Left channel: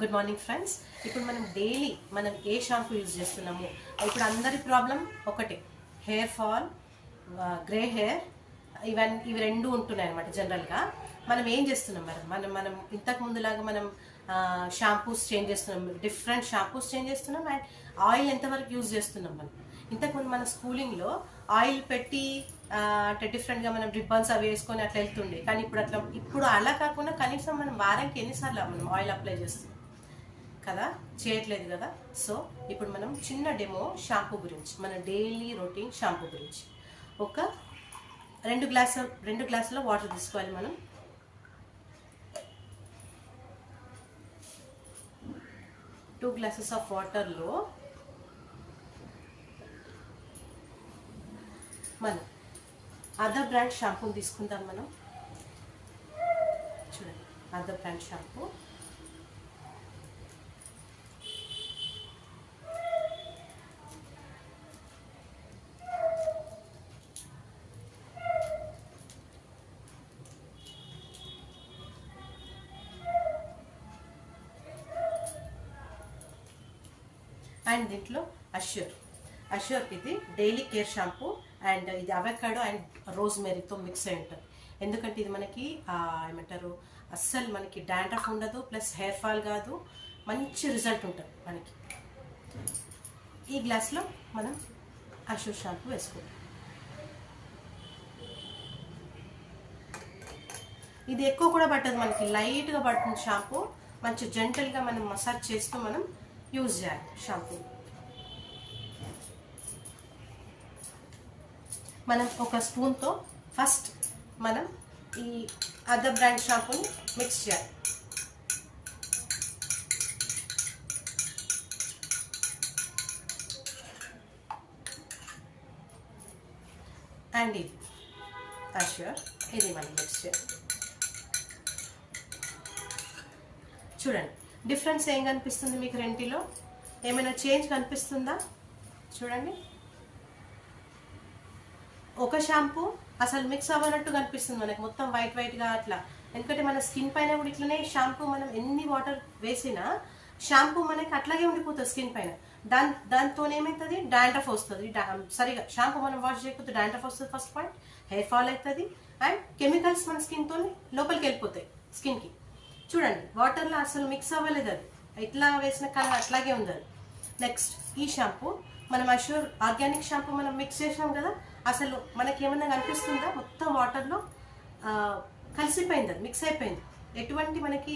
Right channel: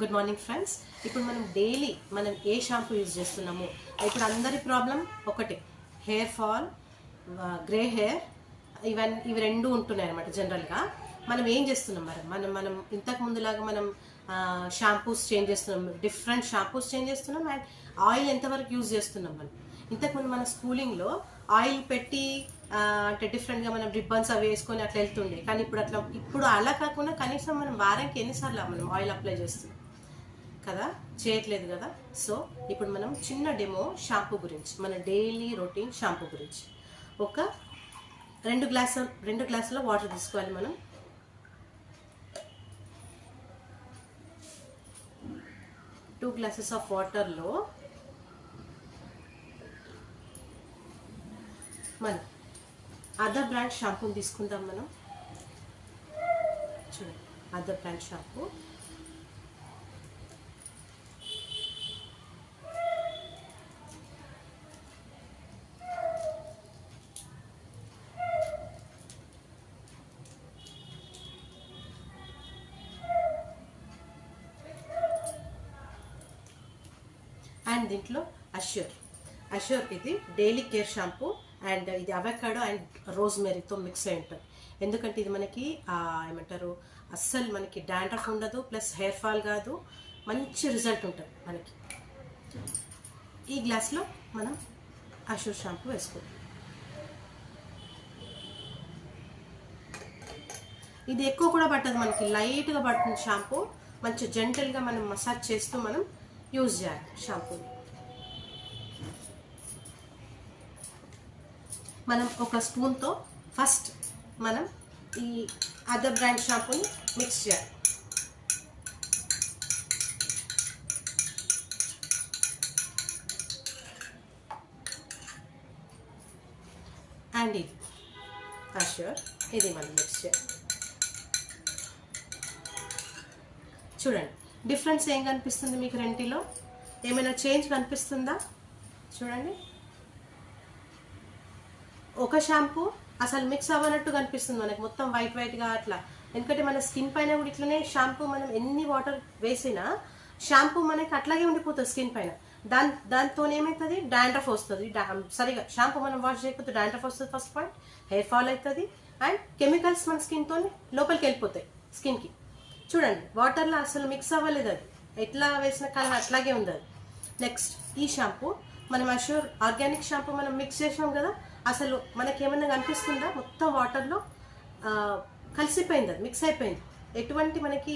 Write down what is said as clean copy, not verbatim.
Good morning friends. ఇప్పుడు మనం daily మనం ఏ షాంపూ యూజ్ చేస్తున్నాము? ఇప్పుడు అందరి ప్రాబ్లం ఒకటే, హెయిర్ ఫాల్, గ్రే హెయిర్, ఇవి రెండు ఉంటున్నాయి అనమాట. జనరల్గా మనం ఏం చేస్తున్నాం, మనం ఇంతకు ముందులాగా మనం షాంపూస్ చేంజ్ చేస్తున్నాం, డిఫరెంట్ షాంపూస్ చేంజ్ చేస్తున్నాం. అండ్ ఆయిల్ ఎంతవరకు యూజ్ చేస్తున్నాం? ఇంతకుముందు మన స్కూలింగ్లో ఆయిల్ పెట్టి అంటే డిఫరెంట్గా మనం రిబ్బన్స్ అవి వేసుకొని అట్లా వెళ్తుండే. కానీ ఇప్పుడు అలా కాకుండా కనీసం మనం వారానికి ఎన్నిసార్లు మనం ఆయిల్ అప్లై చేస్తున్నాం కదా, చేయట్లేదు కదా. సో ఇప్పుడు మనం చిన్న డెమో షాంపూ గురించి, మన డైలీ రొటీన్ షాంపూ గురించి. ఒక 2 గ్లాసుల వాటర్ తీసుకోవాలి మనం. టూ గ్లాసెస్ ఆఫ్ వాటర్లో మనం అదర్ బ్రాండ్ షాంపూ తీసుకుందాం. మనం చూడండి, అదర్ బ్రాండ్ షాంపూ. అండ్ దీంట్లో అష్యూర్ ఇది డైలీ కేర్ షాంపూ. అండ్ ఇది అవకాడో అండ్ రోజ్మెరీతో మిక్స్ అయి ఉంటుంది. ఎందుకంటే ఇది మనకి ఏమంటారు, అస్సలు మనకి డాండ్రఫ్ ఉండదు, ప్లస్ హెయిర్ ఫాల్ కాదు, మంచి రిజల్ట్ ఉంటుంది మనకి. ఈ గ్లాస్లో మనం అష్యూర్ షాంపూ వేసుకుంటాం. ఇది ఎక్కువ కూడా పట్టదు, మనకి లైట్గా పడుతుంది షాంపూ. మంచి జెంటల్గా మనం మసాజ్ చేస్తూ మనం యూజ్ చేయాలి షాంపూ. మనం ఒక స్పూన్తో ఫస్ట్ మనం ఈ అదర్ బ్రాండ్ షాంపూని మిక్స్ చేయాలి. అండ్ ఇది అష్యూర్, ఇది మనం మిక్స్ చేయాలి. చూడండి డిఫరెన్స్ ఏం కనిపిస్తుంది మీకు? రెంటిలో ఏమైనా చేంజ్ కనిపిస్తుందా? చూడండి, ఒక షాంపూ అసలు మిక్స్ అవ్వనట్టు కనిపిస్తుంది మనకి, మొత్తం వైట్గా అట్లా. ఎందుకంటే మన స్కిన్ పైన కూడా ఇట్లనే షాంపూ మనం ఎన్ని వాటర్ వేసినా షాంపూ మనకి అట్లాగే ఉండిపోతుంది స్కిన్ పైన. దాంతో ఏమవుతుంది, డాండ్రఫ్ వస్తుంది. సరిగా షాంపూ మనం వాష్ చేయకపోతే డాండ్రఫ్ వస్తుంది ఫస్ట్ పాయింట్, హెయిర్ ఫాల్ అవుతుంది, అండ్ కెమికల్స్ మన స్కిన్తో లోపలికి వెళ్ళిపోతాయి స్కిన్కి. చూడండి వాటర్లో అసలు మిక్స్ అవ్వలేదు, అది ఎట్లా వేసిన కలర్ అట్లాగే ఉంది అది. నెక్స్ట్ ఈ షాంపూ మనం అష్యూర్ ఆర్గానిక్ షాంపూ మనం మిక్స్ చేసాం కదా, అసలు మనకి ఏమన్నా కనిపిస్తుందా? మొత్తం వాటర్లో కలిసిపోయింది, అది మిక్స్ అయిపోయింది. ఎటువంటి మనకి